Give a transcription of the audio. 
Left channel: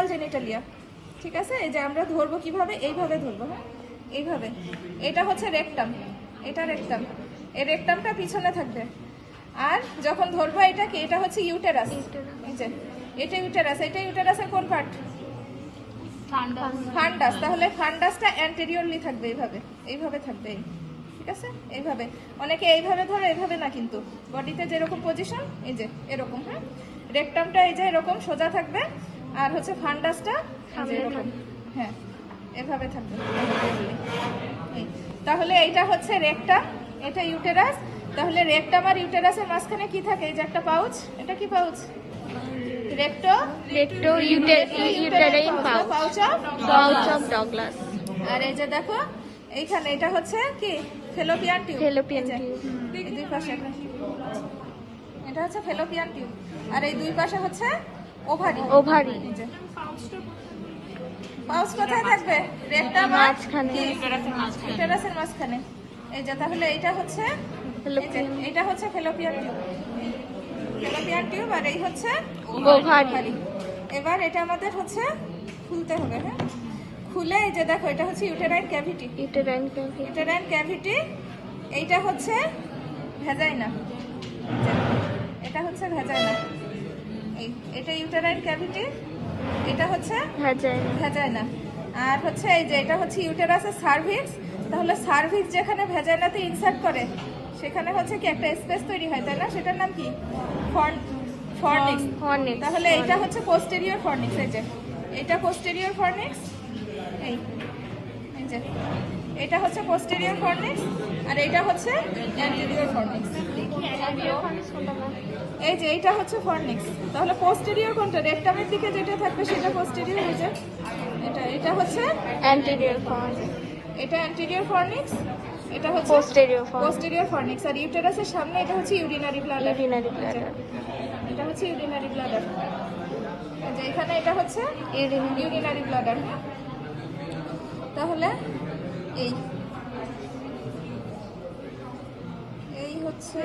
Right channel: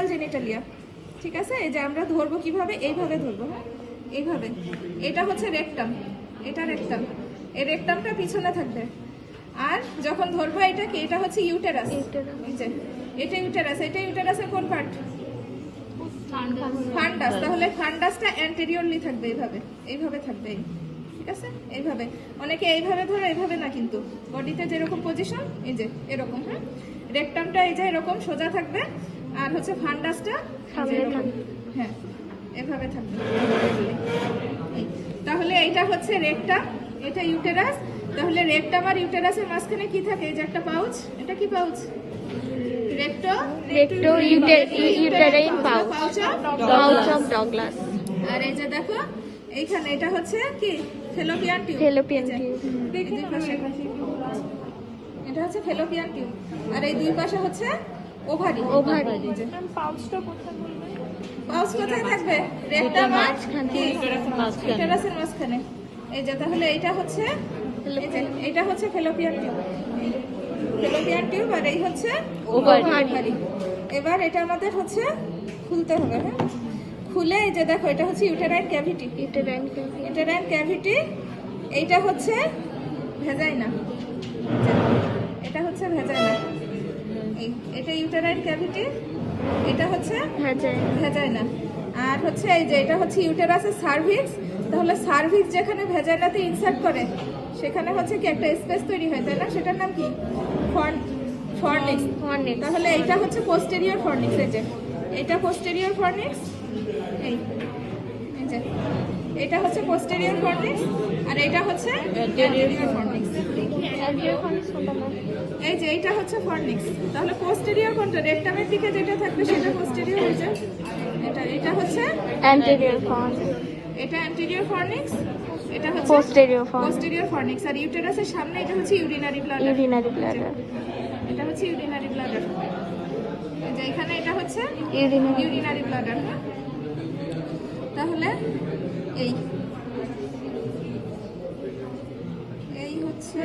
External genitalia. ঠিক আছে, এই যে আমরা ধরবো কিভাবে, এইভাবে ধরবো, হ্যাঁ এইভাবে। এটা হচ্ছে রেকটাম, এটা রেকটাম, এই রেকটামটা পিছনে থাকবে। আর যখন ধরবো এটাকে, এটা হচ্ছে ইউটেরাস, এই যে এটা ইউটেরাস, এটা ইউটেরাসের কোন পার্ট? ফান্ডাস। তাহলে ফান্ডাসটা অ্যান্টেরিয়রলি থাকবে, এইভাবে, এইভাবে থাকবে, ঠিক আছে এইভাবে। অনেকে এইভাবে ধরে, এইভাবে না, কিন্তু বডিতে যেরকম পজিশন এই যে এরকম, হ্যাঁ রেকটামটা এই যে এরকম সোজা থাকবে, আর হচ্ছে ফান্ডাসটা এরকম, হ্যাঁ এভাবে থাকবে। তাহলে এইটা হচ্ছে রেকটাম, এটা ইউটেরাস। তাহলে রেকটাম আর ইউটেরাসের মাঝখানে কি থাকে? এই যে একটা পাউচ, এটা কি pouch? Recto uterine pouch of Douglas. আর এই যে দেখো এইখানে এটা হচ্ছে কি? Fallopian tube. দুই পাশে এটা হচ্ছে ফেলোপিয়ান টিউব, আর এই দুই পাশে হচ্ছে ওভারি। পাউচ কোথায় থাকবে? রেকটাম আর ইউটেরাসের মাঝখানে। এই যে তাহলে এইটা হচ্ছে, এটা হচ্ছে ফেলোপিয়ান টিউব, ফেলোপিয়ান টিউব, আর এই হচ্ছে ওভারি। এবার এটা আমাদের হচ্ছে খুলতে হবে, হ্যাঁ খুলে এই যে দেখো এটা হচ্ছে ইউটেরাইন ক্যাভিটি, ইউটেরাইন ক্যাভিটি। এইটা হচ্ছে ভ্যাজাইনা, এটা হচ্ছে ভ্যাজাইনা, এটা ইউটেরাইন ক্যাভিটি, এটা হচ্ছে ভ্যাজাইনা। আর হচ্ছে এই যে এটা হচ্ছে ইউটেরাসের সার্ভিক্স। তাহলে সার্ভিক্স যেখানে ভ্যাজাইনাতে ইনসার্ট করে সেখানে হচ্ছে কি একটা স্পেস তৈরি হয়, তাই না? সেটার নাম কি? ফর্নিক্স। তাহলে এইটা হচ্ছে পোস্টেরিয়র ফর্নিক্স, এই যে এটা পোস্টেরিয়র ফর্নিক্স, এই যে এটা হচ্ছে পোস্টেরিয়র ফর্নিক্স, আর এটা হচ্ছে অ্যান্টেরিয়র ফর্নিক্স। এই যে এইটা হচ্ছে ফর্নিক্স। তাহলে পোস্টেরিয়র কোনটা? রেকটামের দিকে যেটা থাকবে সেটা পোস্টেরিয়র, এই যে এটা হচ্ছে অ্যান্টেরিয়র ফর্নিক্স, এটা অ্যান্টেরিয়র ফর্নিক্স, এটা হচ্ছে পোস্টেরিয়র ফর্নিক্স। আর ইউটেরাসের সামনে এটা হচ্ছে ইউরিনারি ব্লাডার, এটা হচ্ছে ইউরিনারি ব্লাডার। যে এখানে এটা হচ্ছে ইউরিনারি ব্লাডার। তাহলে এই হচ্ছে